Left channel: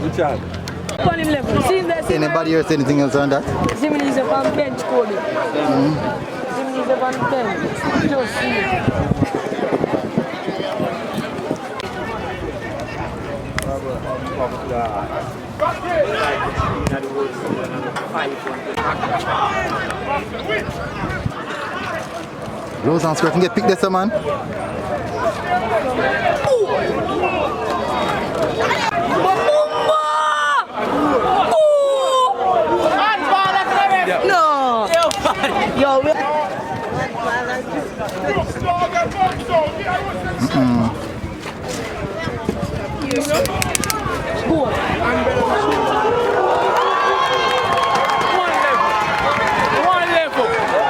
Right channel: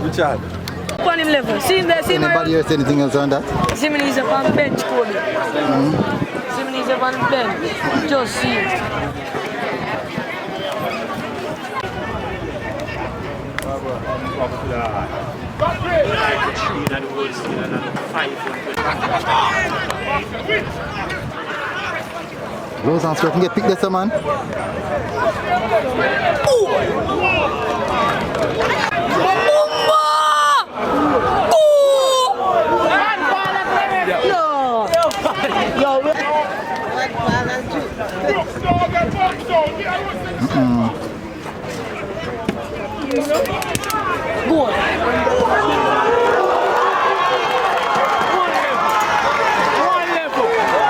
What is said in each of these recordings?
Richard. On him level. Anybody else anything else on that? Zimini's up on bench, Kobe. Zimini's up on bench. Just see it. Rose and Squirt can get picked this man.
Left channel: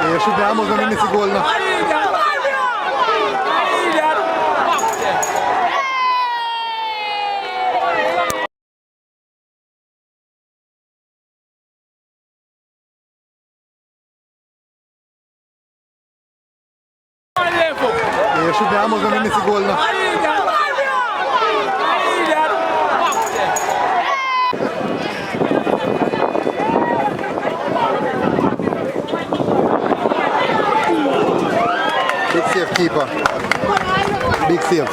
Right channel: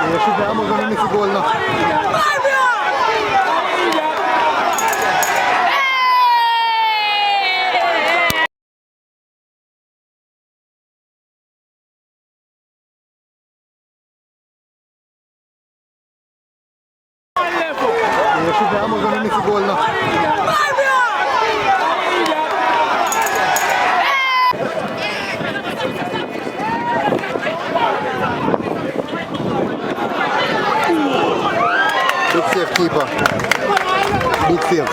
You should have almost going to miss a goal now. You should have almost going to miss a goal now. Big save, keeper. Big save.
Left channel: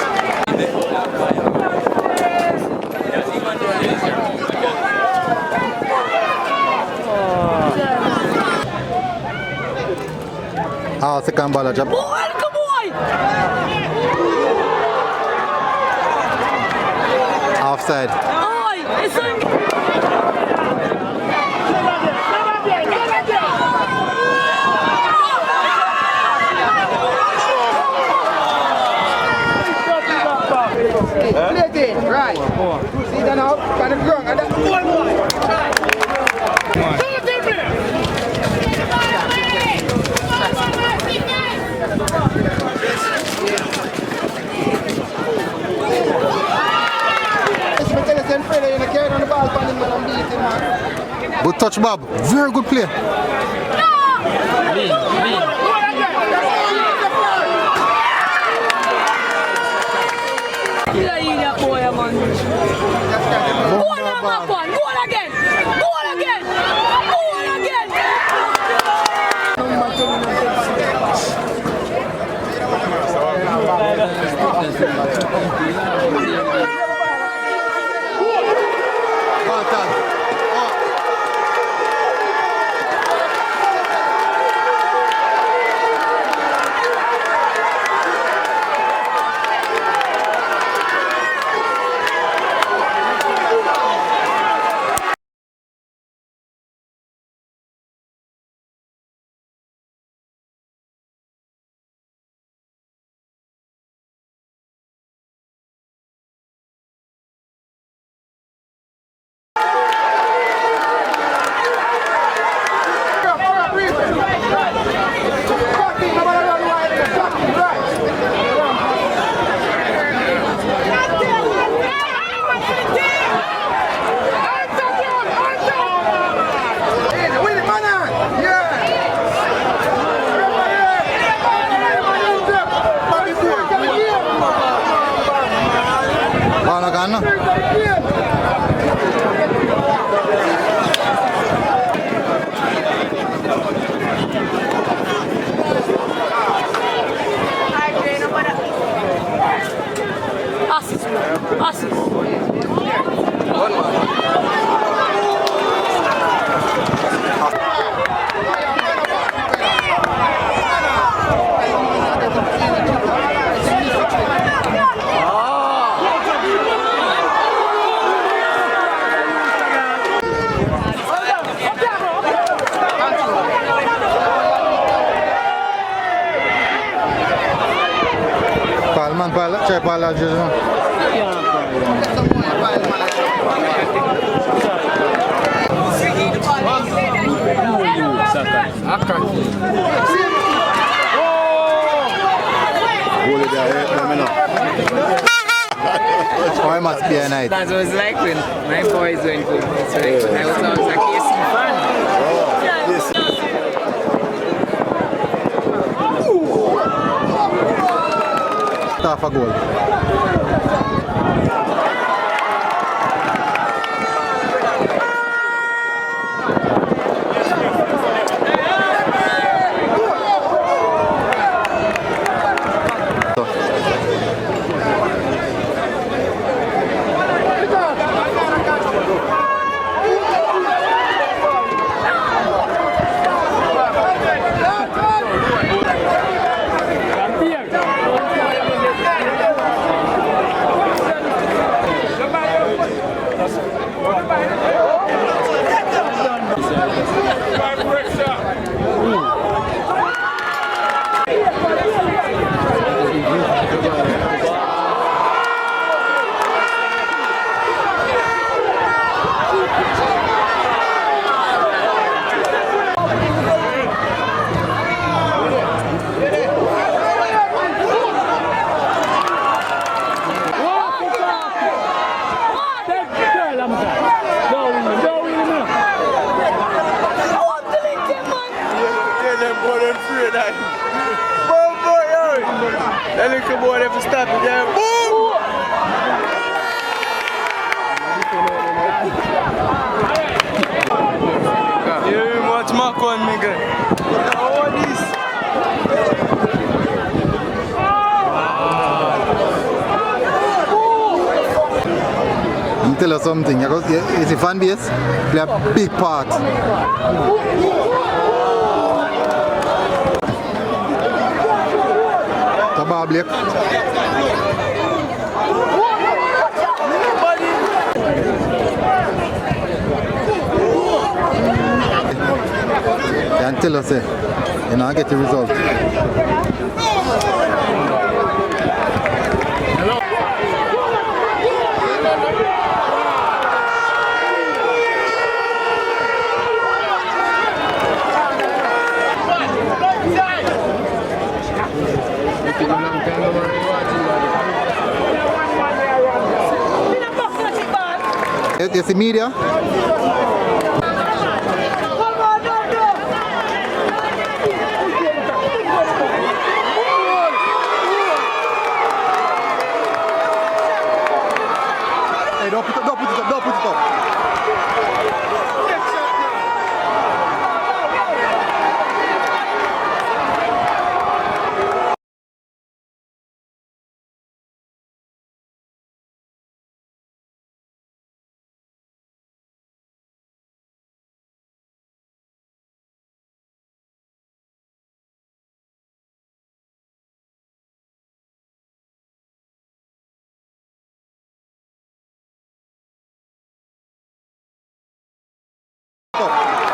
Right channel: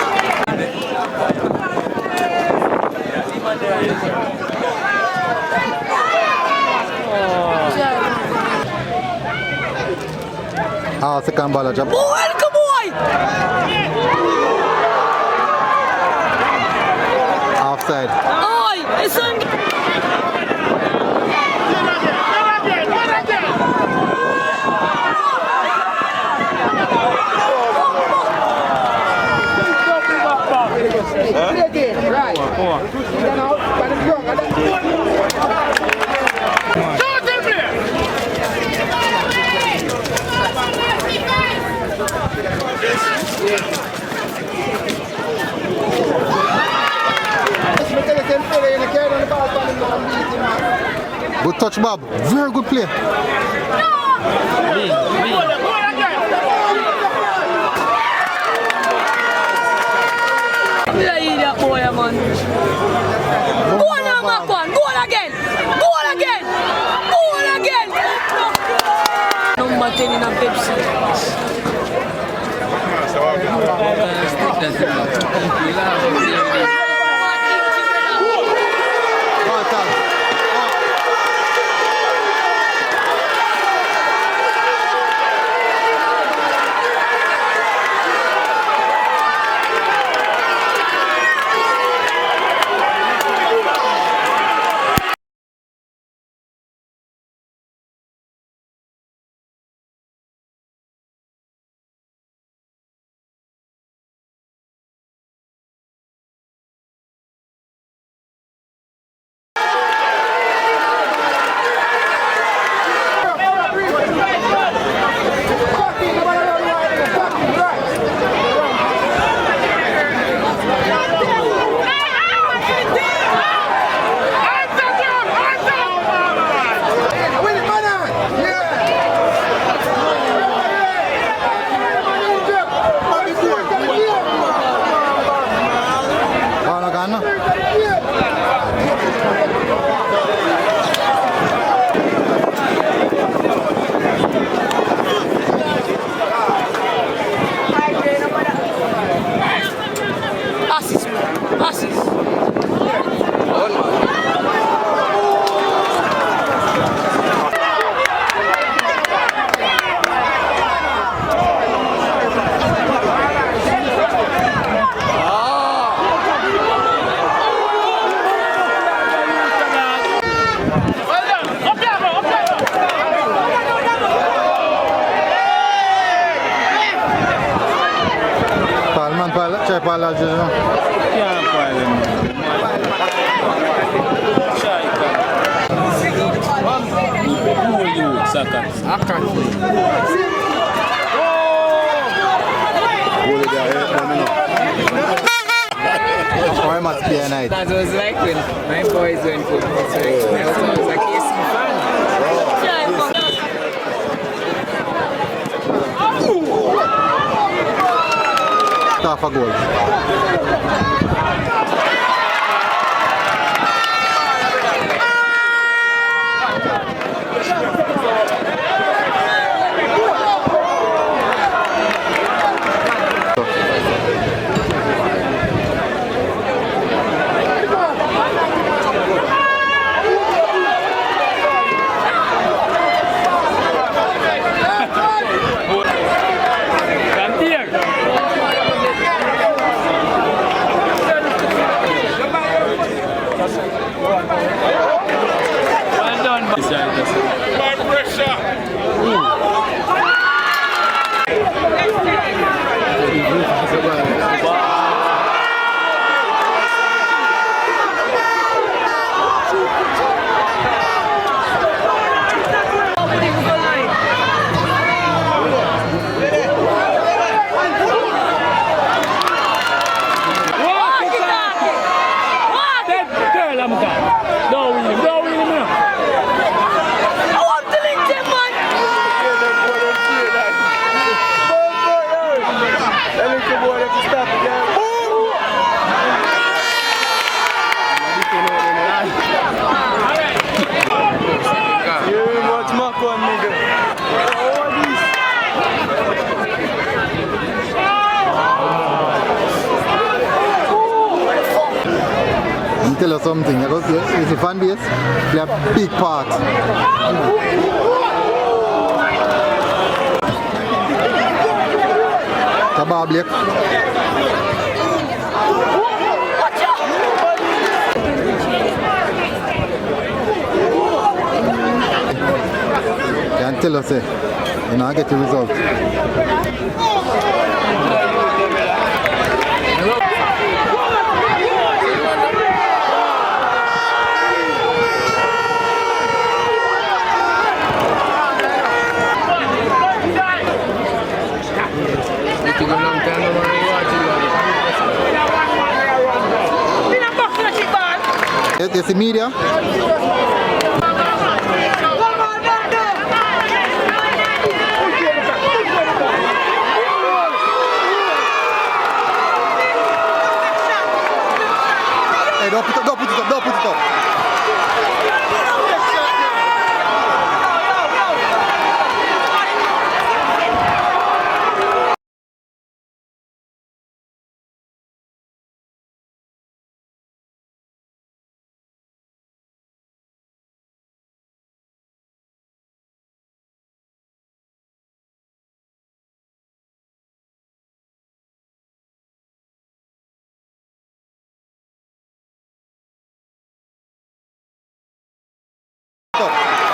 Second ball job. Offside. Good touch, Bob. Very good play. Goal again! Number 10 in a Pepsi. C'è palla al Gesù. Or it must be a night. That was like when my boys went to selection. I was a KC fan. Half a goal. Let me tell you something, you see fan base play a big part. Tabah Blake. Can't tell us, you know, get the result. You see media? Hey, don't put it up, don't put it up. Stop.